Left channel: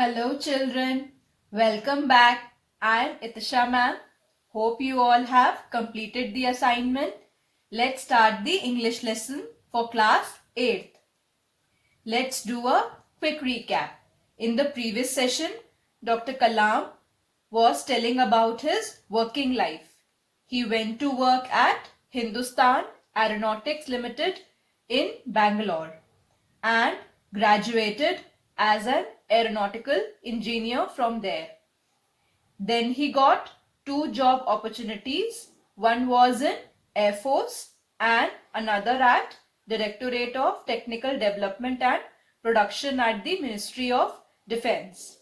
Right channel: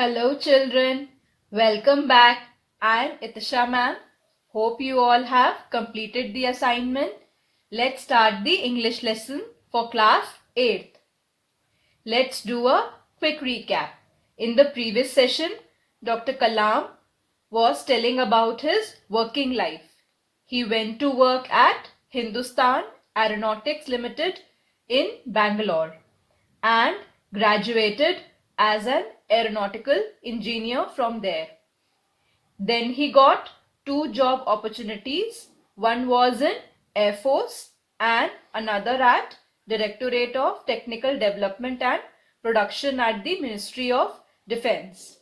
Hello children, welcome back. I am Itisha ma'am. Hope you all have completed the assignment. Let's start the English lesson for class 8th. Let's do a quick recap. In the previous session, Dr. Kalam was telling about his working life. He went to work at Hindustan Aeronautics Limited in Bangalore and graduated as an aeronautical engineer from there. Then he got two job opportunities. One was in Air Force and another at Directorate of Technical Development and Production at the Ministry of Defense.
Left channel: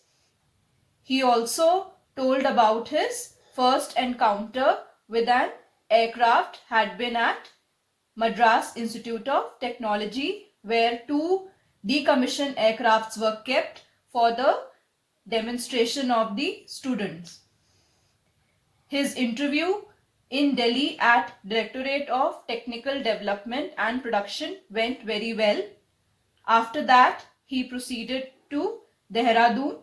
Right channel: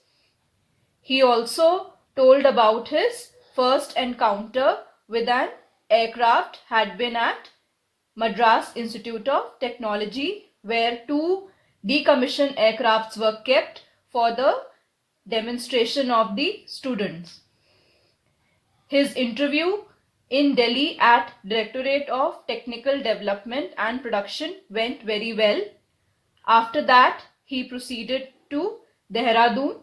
He also told about his first encounter with an aircraft had been at Madras Institute of Technology, where two decommissioned aircrafts were kept for the demonstration of the students. His interview in Delhi at Directorate of Technical Development and Production went very well. After that, he proceeded to Dehradun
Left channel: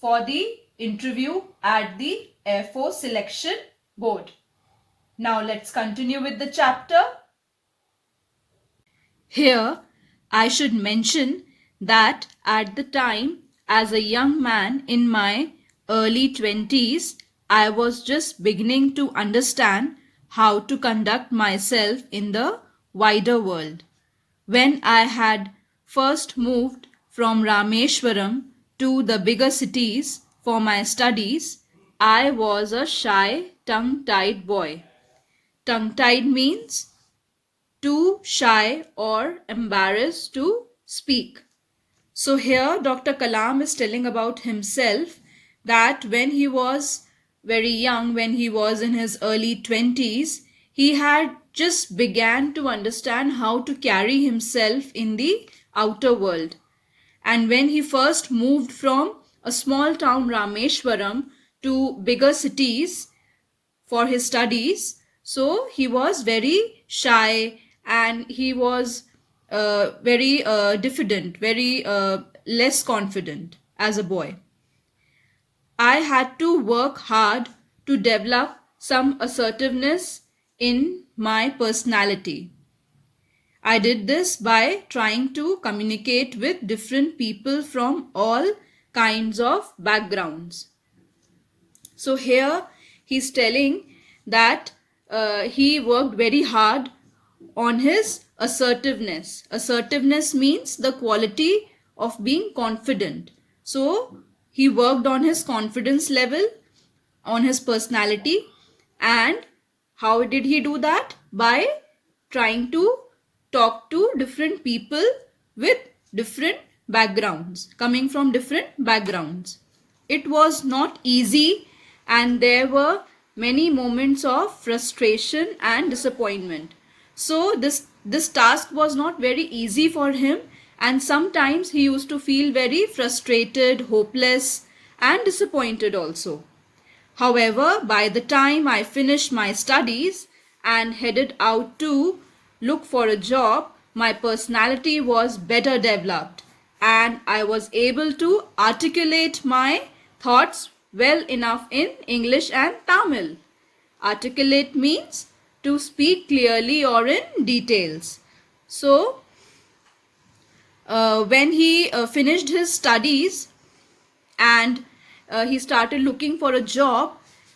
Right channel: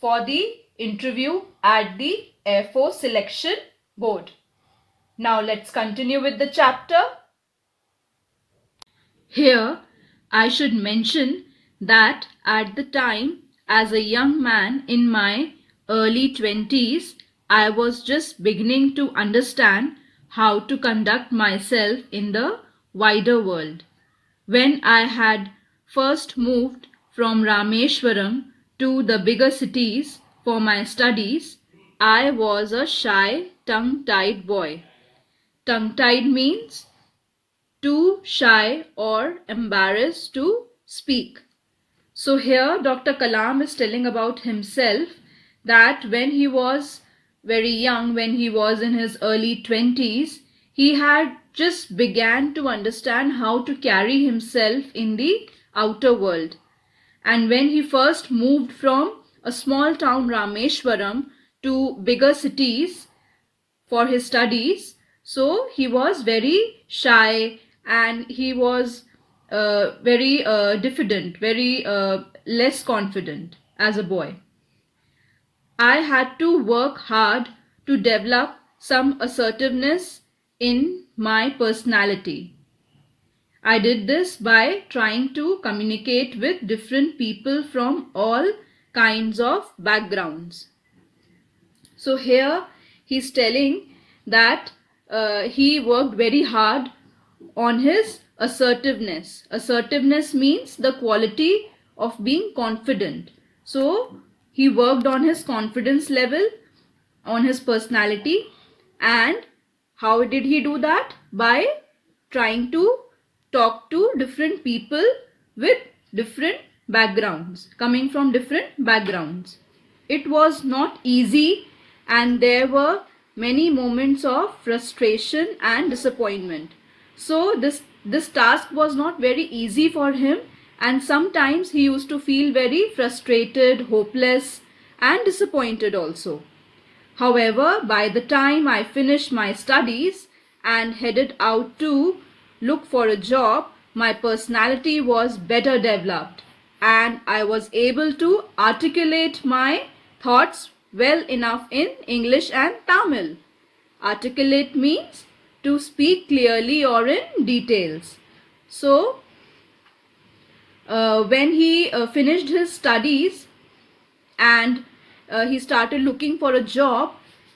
for the interview at the Air Force Selection Board. Now let's continue with the chapter. Here, I should mention that at the time, as a young man in my early 20s, I was just beginning to understand how to conduct myself in the wider world. When I had first moved from Rameshwaram to the bigger cities for my studies, I was a shy, tongue-tied boy. Tongue-tied means too shy or embarrassed to speak. So here Dr. Kalam is telling about himself that when he was very young, when he was in his early 20s, he had just began to understand how to carry himself in the outer world. And when he first moved from a small town Rameshwaram to bigger cities for his studies, so he was very shy and he was very diffident, very less confident as a boy. I had to work hard to develop some assertiveness in my personality. I did this by trying to communicate with different people from all kinds of backgrounds. So here he's telling that he worked very hard on his assertiveness. Assertiveness means the quality of being confident. So he worked on his confidence level, on his personality, and how did he do that? By trying to talk to different people with different backgrounds, coming from different backgrounds. It was not easy and there were many moments of frustration and disappointment. So this task was not very easy for him, and sometimes he used to feel very frustrated, hopeless and disappointed also. However, by the time I finished my studies and headed out to look for a job, my personality was better developed and I was able to articulate my thoughts well enough in English and Tamil. Articulate means to speak clearly or in details. So, when he finished his studies and he started looking for a job,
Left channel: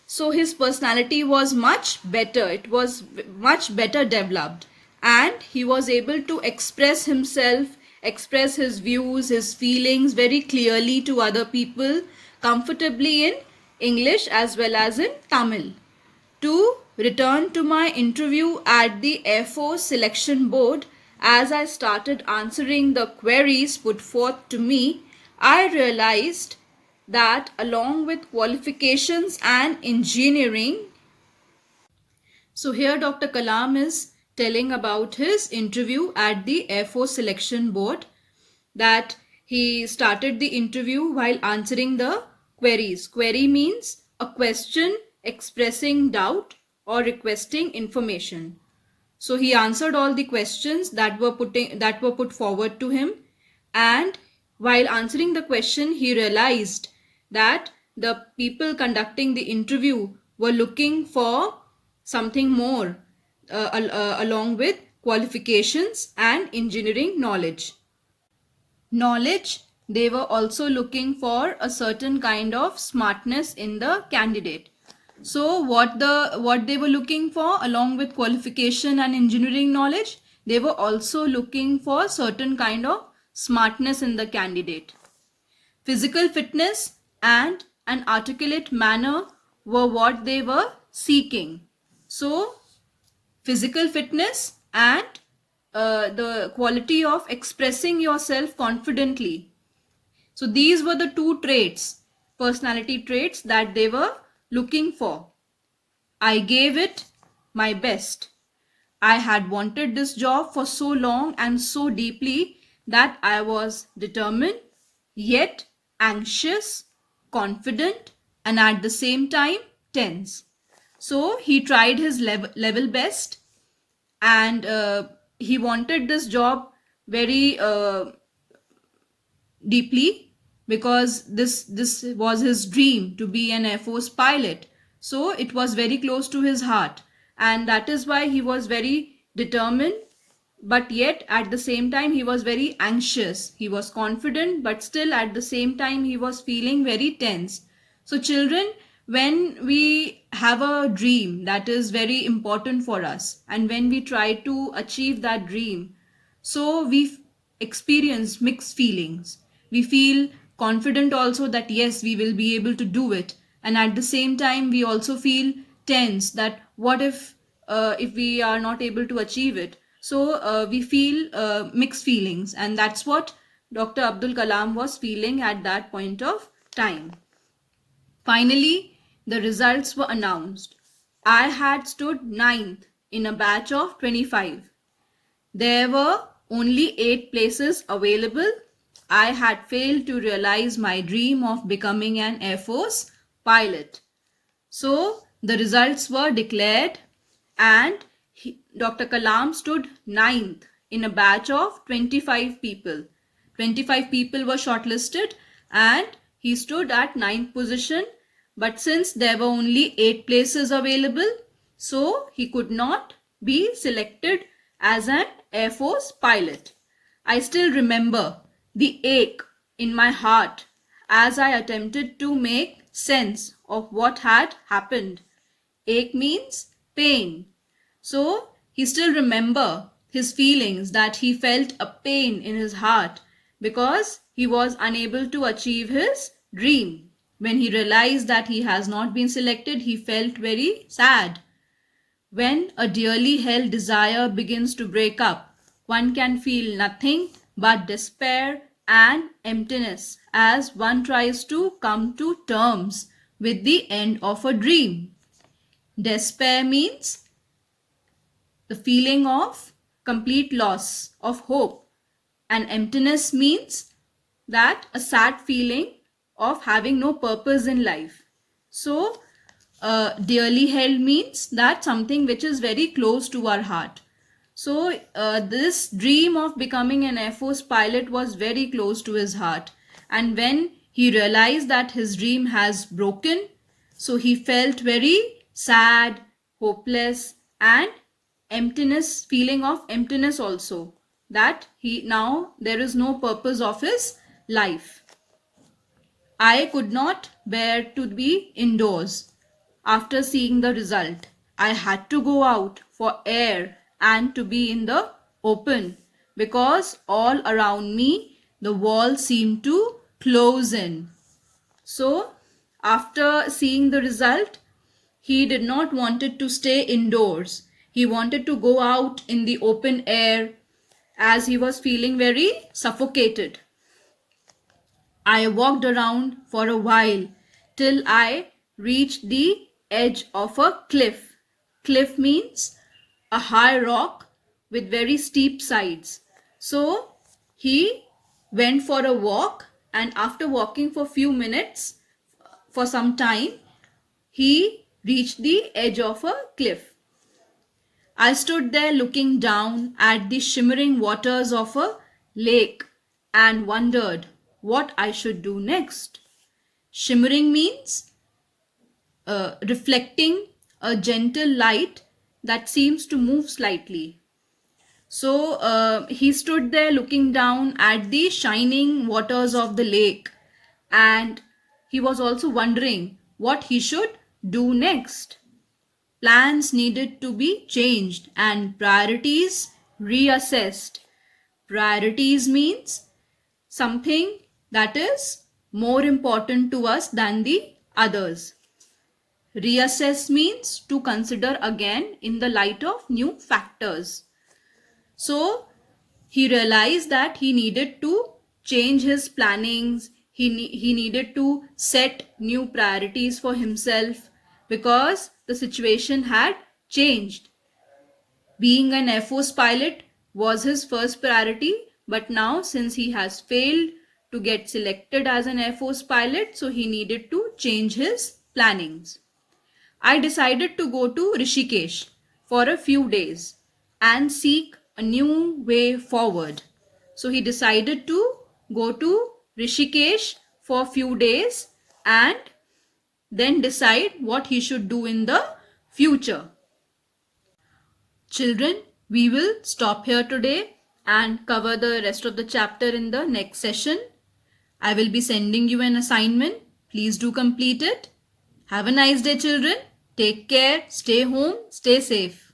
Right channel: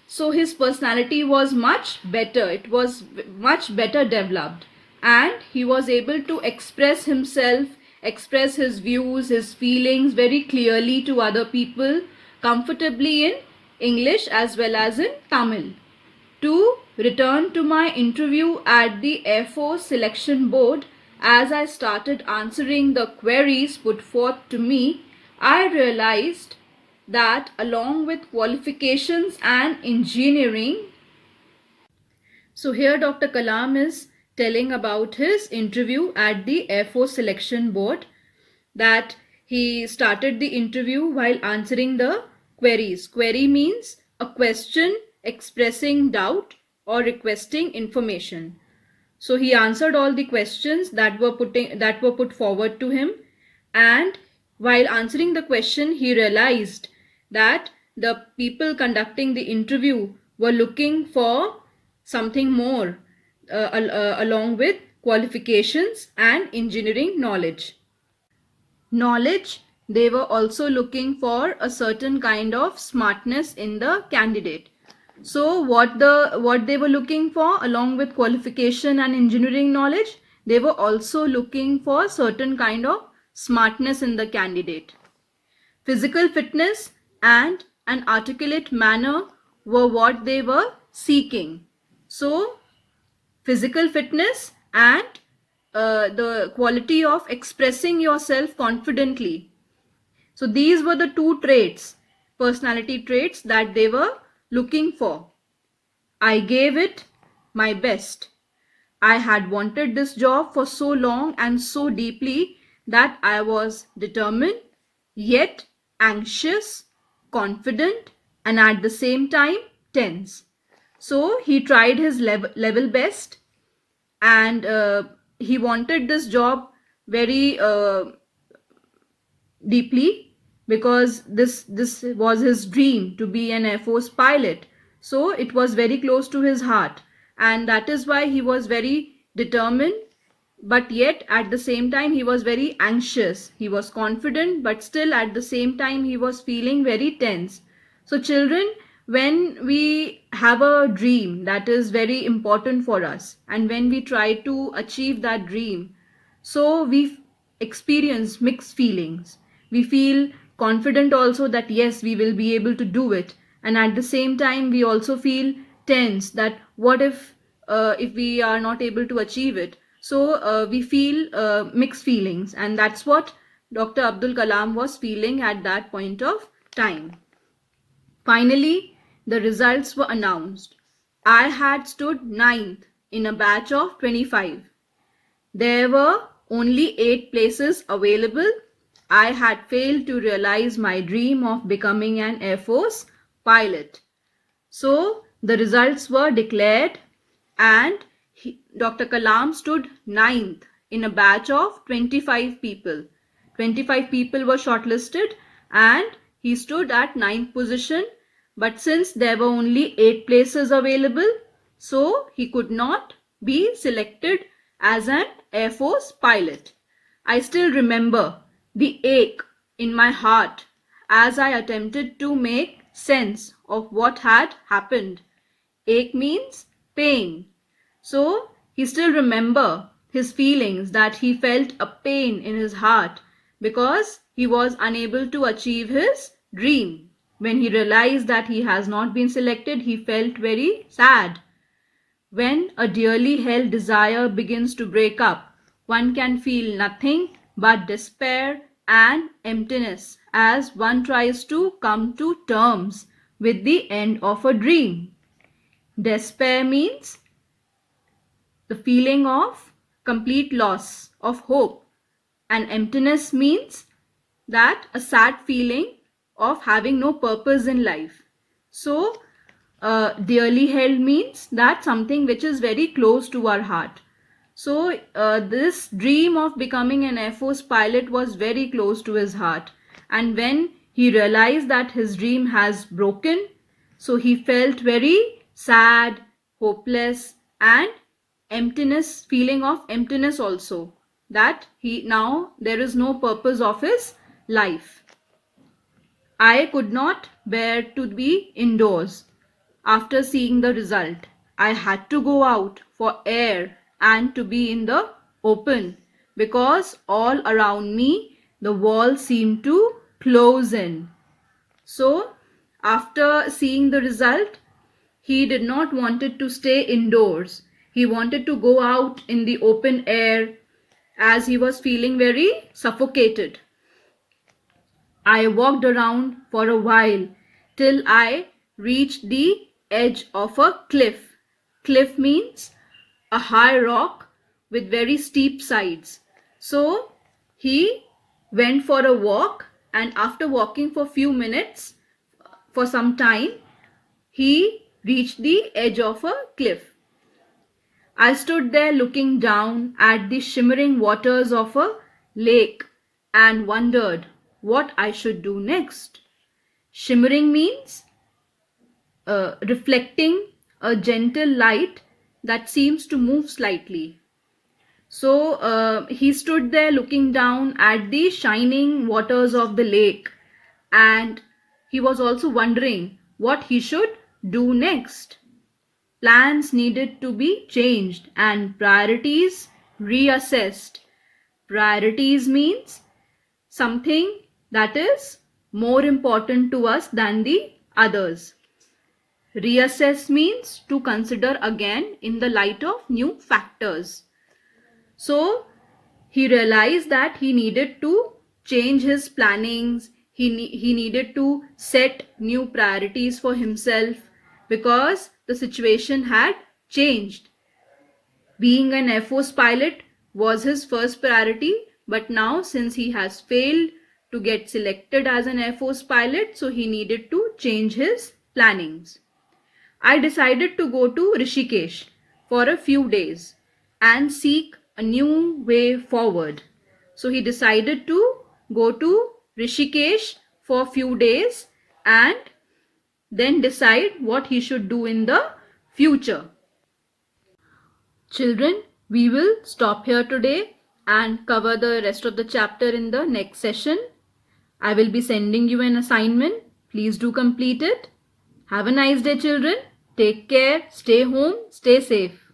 so his personality was much better. It was much better developed and he was able to express himself, express his views, his feelings very clearly to other people, comfortably in English as well as in Tamil. To return to my interview at the Air Force Selection Board, as I started answering the queries put forth to me, I realized that along with qualifications and engineering, so here Dr. Kalam is telling about his interview at the Air Force Selection Board, that he started the interview while answering the queries. Query means a question expressing doubt or requesting information. So he answered all the questions that were put forward to him, and While answering the question, he realized that the people conducting the interview were looking for something more along with qualifications and engineering knowledge. They were also looking for a certain kind of smartness in the candidate. So what they were looking for along with qualification and engineering knowledge, they were also looking for certain kind of smartness in the candidate. Physical fitness and an articulate manner were what they were seeking. So physical fitness and the quality of expressing yourself confidently. So these were the two traits, personality traits that they were looking for. I gave it my best. I had wanted this job for so long and so deeply that I was determined, yet anxious, confident, and at the same time tense. So he tried his level best, and he wanted this job very deeply, because this was his dream to be an Air Force pilot. So it was very close to his heart, and that is why he was very determined, but yet at the same time he was very anxious. He was confident, but still at the same time he was feeling very tense. So children, when we have a dream that is very important for us, and when we try to achieve that dream, so we experience mixed feelings. We feel confident also that yes, we will be able to do it, and at the same time we also feel tense that what if we are not able to achieve it. So we feel mixed feelings, and that's what Dr. Abdul Kalam was feeling at that point of time. Finally, the results were announced. I had stood ninth in a batch of 25. There were only 8 places available. I had failed to realize my dream of becoming an Air Force pilot. So the results were declared, and Dr. Kalam stood ninth in a batch of 25 people. 25 people were shortlisted, and he stood at ninth position. But since there were only 8 places available, so he could not be selected as an Air Force pilot. I still remember the ache in my heart as I attempted to make sense of what had happened. Ache means pain. So he still remember his feelings, that he felt a pain in his heart because he was unable to achieve his dream. When he realized that he has not been selected, he felt very sad. When a dearly held desire begins to break up, one can feel nothing but despair and emptiness as one tries to come to terms with the end of a dream. Despair means the feeling of complete loss of hope, and emptiness means that a sad feeling of having no purpose in life. So dearly held means that something which is very close to our heart. So this dream of becoming an Air Force pilot was very close to his heart, and when he realized that his dream has broken, so he felt very sad, hopeless, and emptiness, feeling of emptiness also, that he now there is no purpose of his life. I could not bear to be indoors. After seeing the result, I had to go out for air and to be in the open, because all around me the walls seemed to close in. So after seeing the result, he did not wanted to stay indoors. He wanted to go out in the open air, as he was feeling very suffocated. I walked around for a while till I reached the edge of a cliff. Cliff means a high rock with very steep sides. So he went for a walk, and after walking for few minutes, for some time, he reached the edge of a cliff. I stood there looking down at the shimmering waters of a lake and wondered what I should do next. Shimmering means reflecting a gentle light that seems to move slightly. So he stood there looking down at the shining waters of the lake, and he was also wondering what he should do next. Plans needed to be changed and priorities reassessed. Priorities means something that is more important to us than the others. Reassess means to consider again in the light of new factors. So he realized that he needed to change his plannings. He needed to set new priorities for himself because the situation had changed. Being an Air Force pilot was his first priority, but now since he has failed to get selected as an Air Force pilot, so he needed to change his plannings. I decided to go to Rishikesh for a few days and seek a new way forward. So he decided to go to Rishikesh for a few days and then decide what he should do in the future. Children, we will stop here today and cover the rest of the chapter in the next session. I will be sending you an assignment. Please do complete it. Have a nice day, children. Take care, stay home, stay safe.